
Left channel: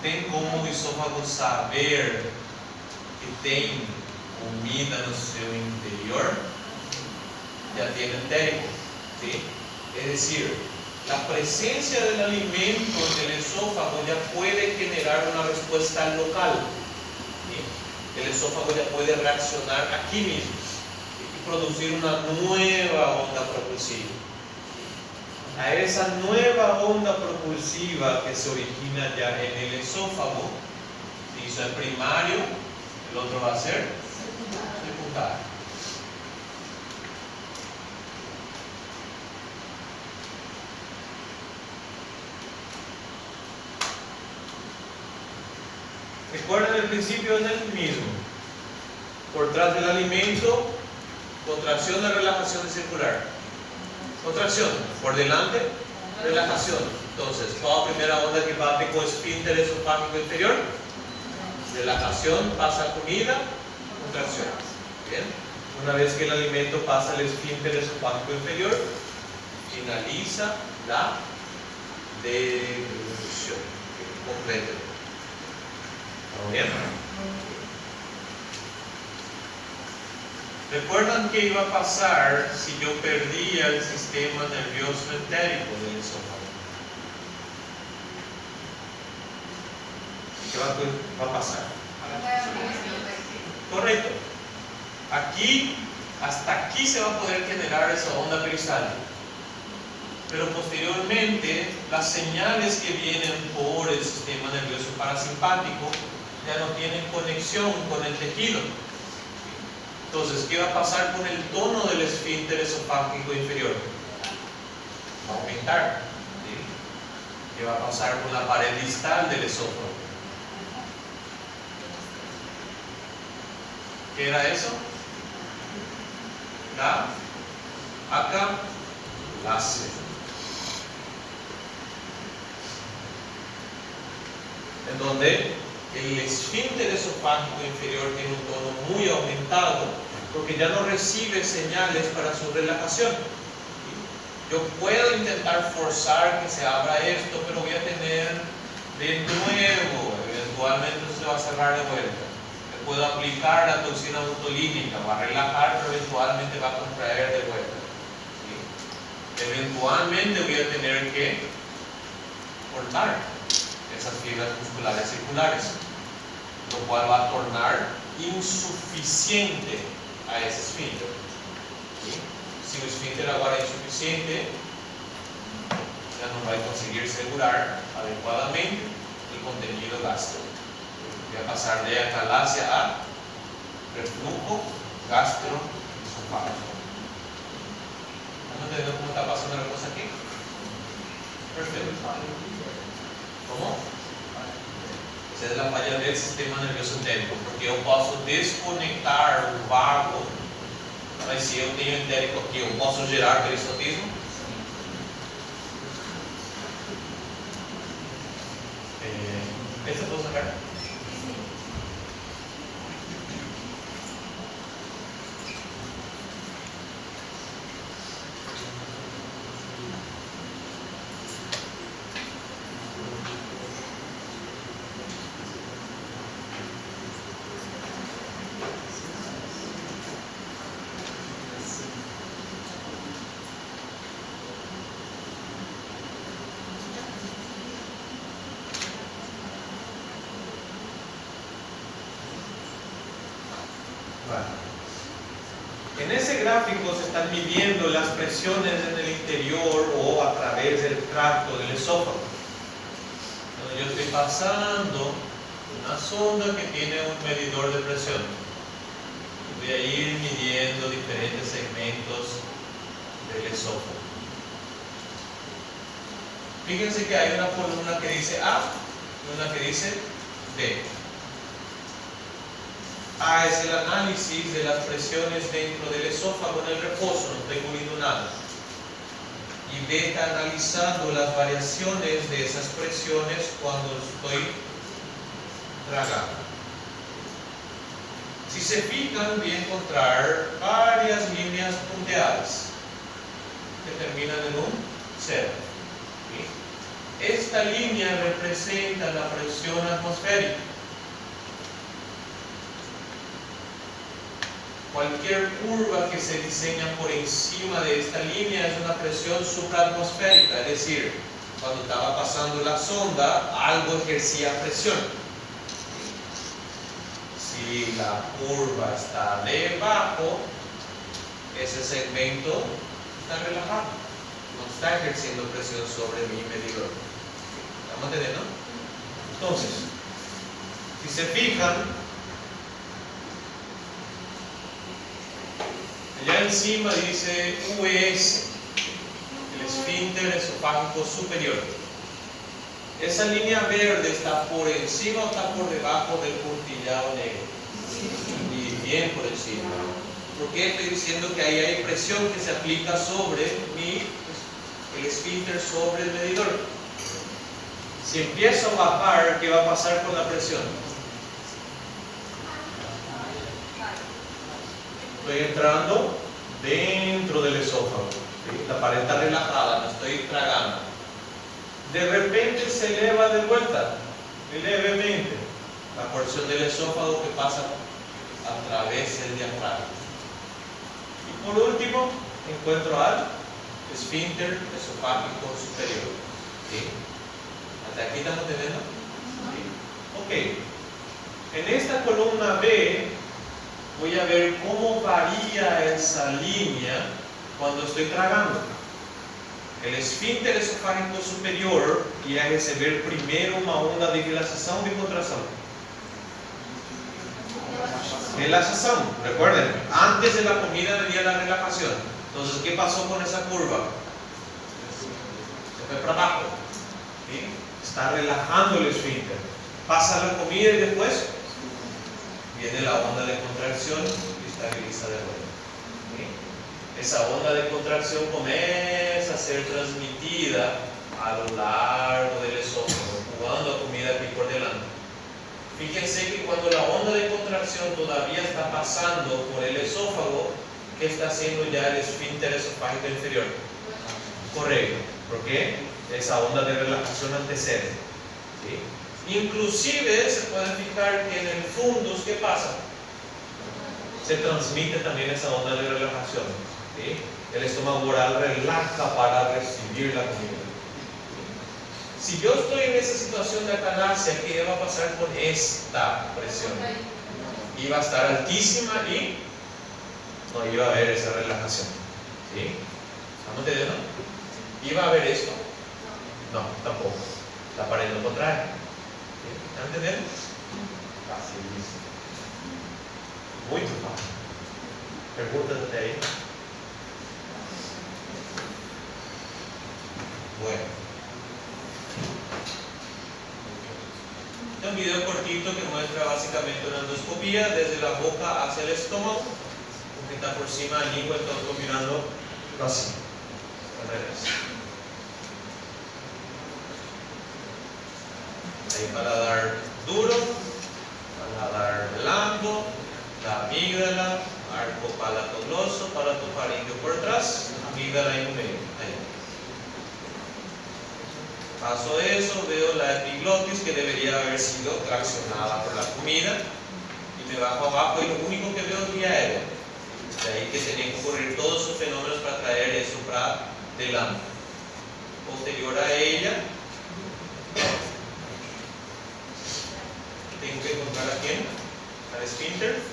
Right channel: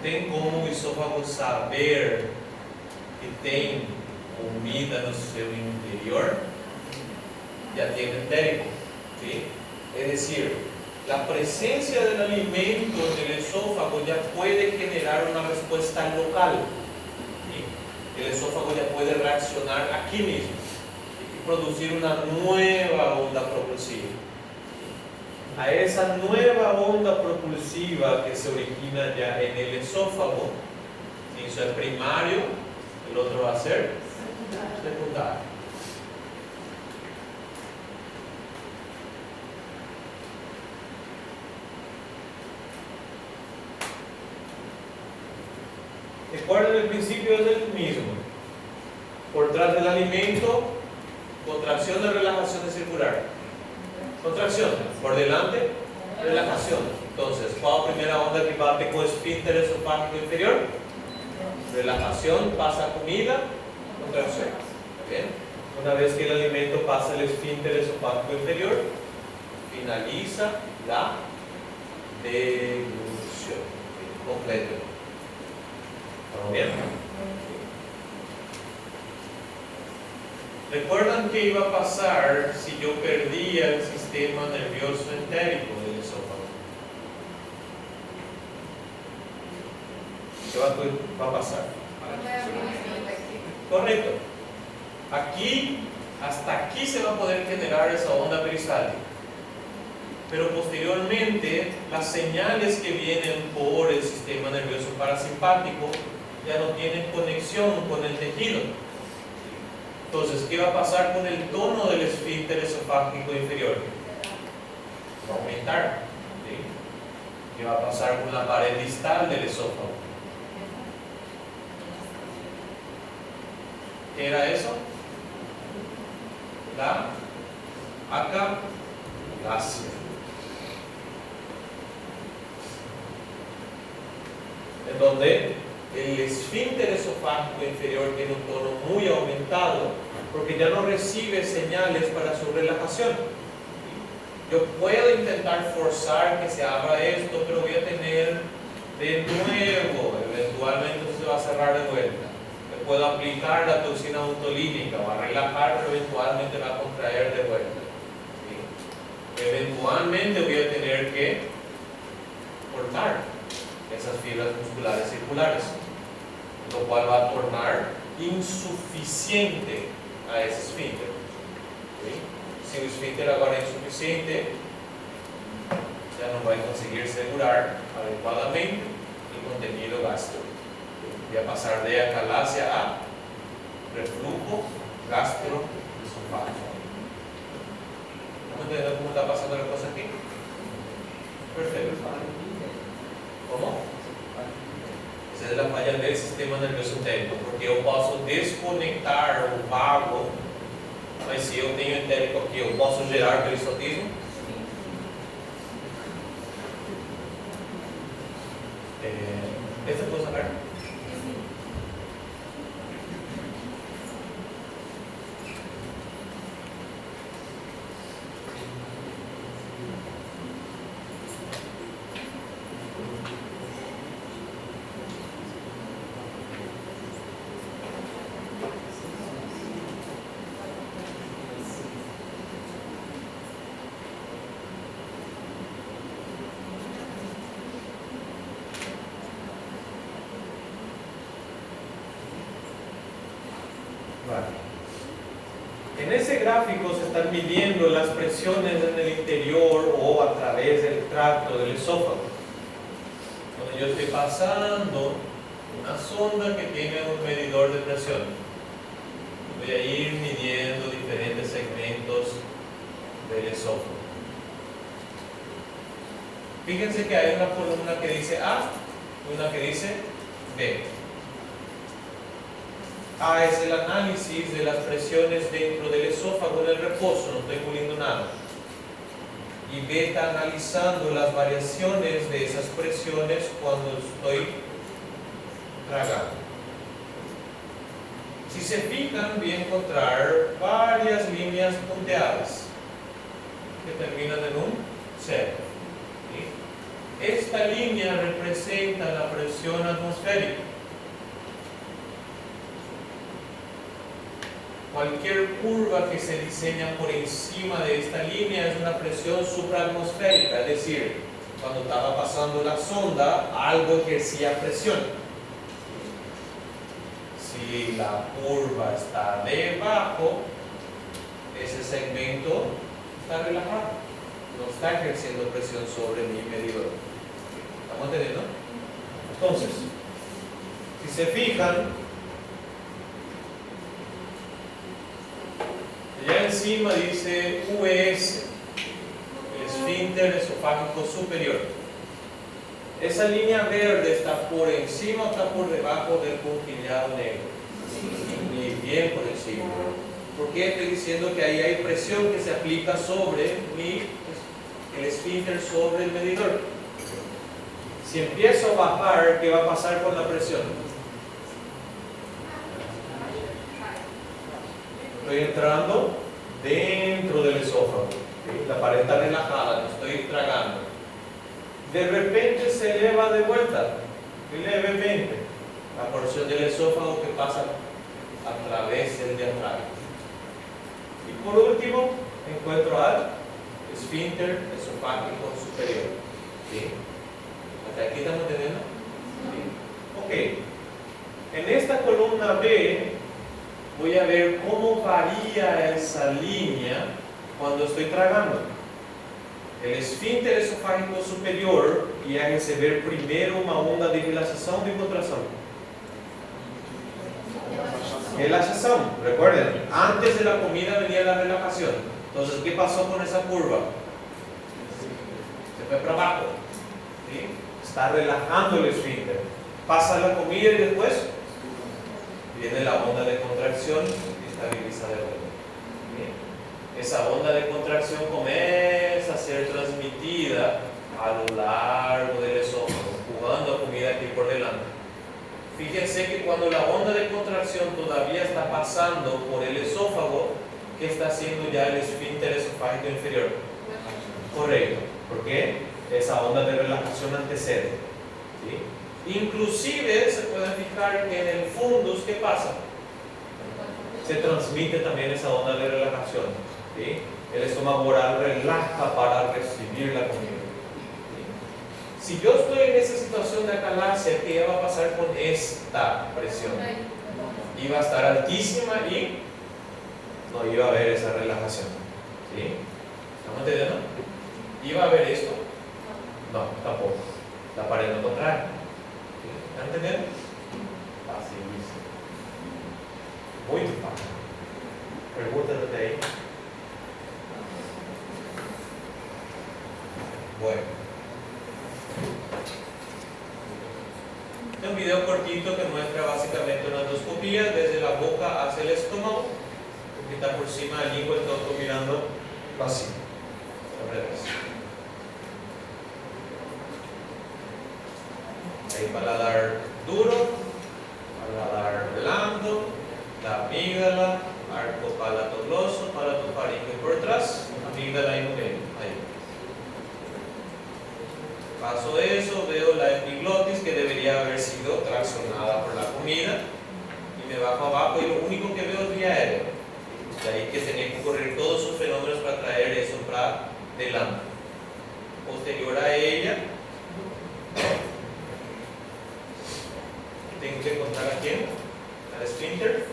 Tem como o esôfago saber que tem comida no seu interior? Já tem entérico, ¿sí? Es decir, la presencia del alimento en el esófago ya puede generar una respuesta local. ¿Sí? El esófago ya puede reaccionar aquí mismo y producir una nueva onda propulsiva. A esa nueva onda propulsiva que se origina ya en el esófago, ¿sí? Eso es primario, el otro va a ser secundario. Recuerden, el principio es el mismo. Por detrás del alimento, contracción de relajación circular. Contracción, por delante, relajación. Entonces, ¿cuál es la primera onda que bate con esfínter esofágico inferior? Relajación, pasa comida, contracción. ¿Bien? Una vez que el alimento pasa el esfínter esofágico inferior, finaliza la deglución. Completo. ¿Todo bien? ¿Recuerdan qué iba a pasar si yo perdía el sistema nervioso entérico del esófago? ¿Qué va a pasar? Correcto. Aquí, hasta aquí se va a poder generar esa onda peristáltica. Pero posteriormente, las señales que vienen por el sistema nervioso parasimpático ya no tienen conexión con el tejido. Entonces, ¿qué va a pasar con el tono del esfínter esofágico inferior? Va a aumentar. ¿Sí? ¿Qué va a pasar con la pared distal del esófago? ¿Qué era eso? La acalasia. En donde el esfínter esofágico inferior tiene un tono muy aumentado porque ya no recibe señales para su relajación. Yo puedo intentar forzar que se abra esto, pero voy a tener de nuevo, eventualmente se va a cerrar de vuelta. Le puedo aplicar la toxina botulínica, va a relajar, pero eventualmente va a contraer de vuelta. ¿Sí? Eventualmente voy a tener que cortar esas fibras musculares circulares, lo cual va a tornar insuficiente a ese esfínter. ¿Sí? Si el esfínter ahora es insuficiente, ya no va a conseguir segurar adecuadamente el contenido gástrico. Voy a pasar de acalasia a reflujo gastroesofágico. ¿Vamos a entender cómo está pasando la cosa aquí? Perfecto. ¿Cómo? Esa es la falla del sistema nervioso entérico, porque eu posso desconectar o vago, mas se eu tenho entérico aqui, eu posso gerar peristaltismo? ¿Esta puedo sacar? En ese gráfico se están midiendo las presiones en el interior o a través del tracto del esófago, donde yo estoy pasando una sonda que tiene un medidor de presión. voy a ir midiendo diferentes segmentos del esófago. Fíjense que hay una columna que dice A y una que dice D. A es el análisis de las presiones dentro del esófago en el reposo, no estoy poniendo nada. Y B está analizando las variaciones de esas presiones cuando estoy tragando. Si se fijan, voy a encontrar varias líneas punteadas que terminan en un 0. ¿Sí? Esta línea representa la presión atmosférica. Cualquier curva que se diseña por encima de esta línea es una presión supraatmosférica, es decir, cuando estaba pasando la sonda, algo ejercía presión. Si la curva está debajo, ese segmento está relajado, no está ejerciendo presión sobre mi medidor. ¿Estamos entendiendo? Entonces, si se fijan, allá encima dice US, el esfínter esofágico superior. Esa línea verde está por encima o está por debajo del puntillado negro. Y bien por encima. ¿Por qué estoy diciendo que ahí hay presión que se aplica sobre el esfínter sobre el medidor? Si empiezo a bajar, ¿qué va a pasar con la presión? Estoy entrando dentro del esófago. ¿Sí? La pared está relajada, no estoy tragando. De repente se eleva de vuelta, levemente, la porción del esófago que pasa a través del diafragma. Y por último, encuentro al esfínter esofágico superior. ¿Sí? ¿Hasta aquí estamos entendiendo? ¿Sí? Ok. En esta columna B voy a ver cómo varía esa línea cuando estoy tragando. El esfínter esofágico superior y a receber primero una onda de relajación o de contracción. Relajación, recuerden, antes de la comida venía la relajación. Entonces, ¿qué pasó con esa curva? Se fue para abajo. ¿Sí? Está relajando el esfínter. Pasa la comida y después viene la onda de contracción y estabiliza de vuelta. ¿Sí? Esa onda de contracción comienza a ser transmitida a lo largo del esófago, jugando a comida aquí por delante. Fíjense que cuando la onda de contracción todavía está pasando por el esófago, ¿qué está haciendo ya el esfínter esofágico inferior? Correcto, porque esa onda de relajación antecede. ¿Sí? Inclusive se pueden fijar que en el fundus, ¿qué pasa? Se transmite también esa onda de relajación. ¿Sí? El estómago oral relaja para recibir la comida. Si yo estoy en esa situación de acalasia, ¿qué va a pasar con esta presión? Iba a estar altísima y no iba a haber esa relajación. ¿Sí? ¿Estamos entendiendo? ¿Iba a haber esto? No, tampoco. La pared no contrae. ¿Sí? ¿Están entendiendo? Facilísimo. Muy fácil. Perguntas até ahí. Bueno. Este es un video cortito que muestra básicamente una endoscopía desde la boca hacia el estómago, porque está por encima del lengua, entonces mirando así, al revés. Hay paladar duro, paladar blando, la amígdala, arco palatogloso, palatofaríngeo por atrás, amígdala en medio. Ahí. Paso eso, veo la epiglotis que debería haber sido traccionada por la comida y me bajo abajo y lo único que veo es vía aérea. De ahí que tenía que ocurrir todos sus fenómenos para traer eso para delante. Posterior a ella, tengo que encontrar a quién, al esfínter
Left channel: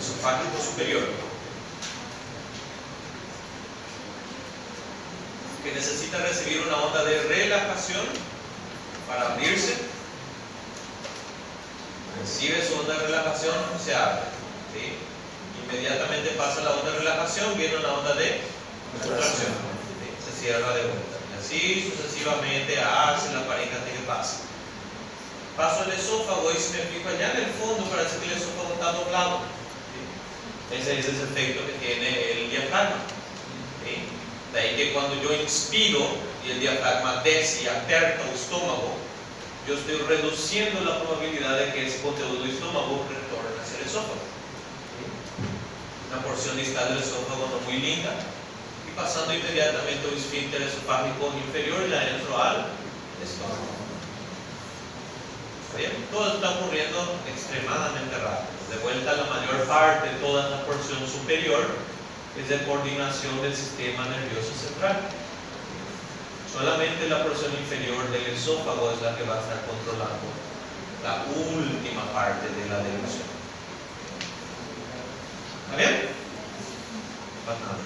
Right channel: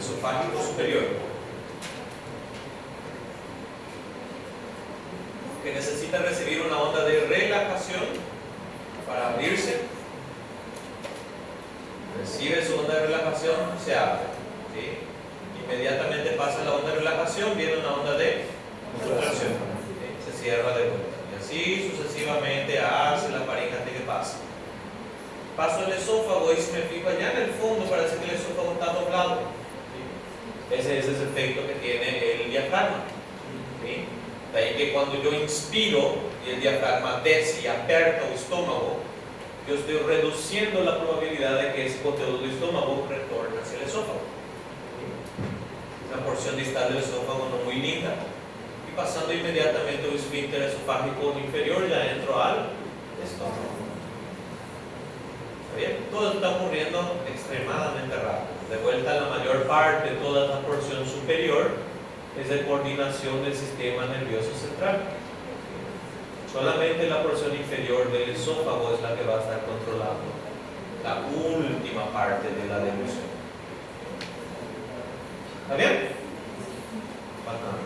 esofágico superior, que necesita recibir una onda de relajación para abrirse. Recibe su onda de relajación, se abre. ¿Sí? Inmediatamente pasa la onda de relajación, viene una onda de contracción. Se cierra de vuelta. Y así sucesivamente hace la pareja hasta que pasa. Paso el esófago y si me fijo allá en el fondo parece que el esófago está doblado. Ese es el efecto que tiene el diafragma. ¿Sí? De ahí que cuando yo inspiro y el diafragma desce y aperta el estómago, yo estoy reduciendo la probabilidad de que ese contenido del estómago retorne hacia el esófago. Una porción distal del esófago no muy linda. Y pasando inmediatamente el esfínter esofágico inferior y adentro al estómago. ¿Está bien? Todo está ocurriendo extremadamente rápido. De vuelta, la mayor parte de toda la porción superior es de coordinación del sistema nervioso central. Solamente la porción inferior del esófago es la que va a estar controlando la última parte de la delusión. ¿Está bien? Bastante.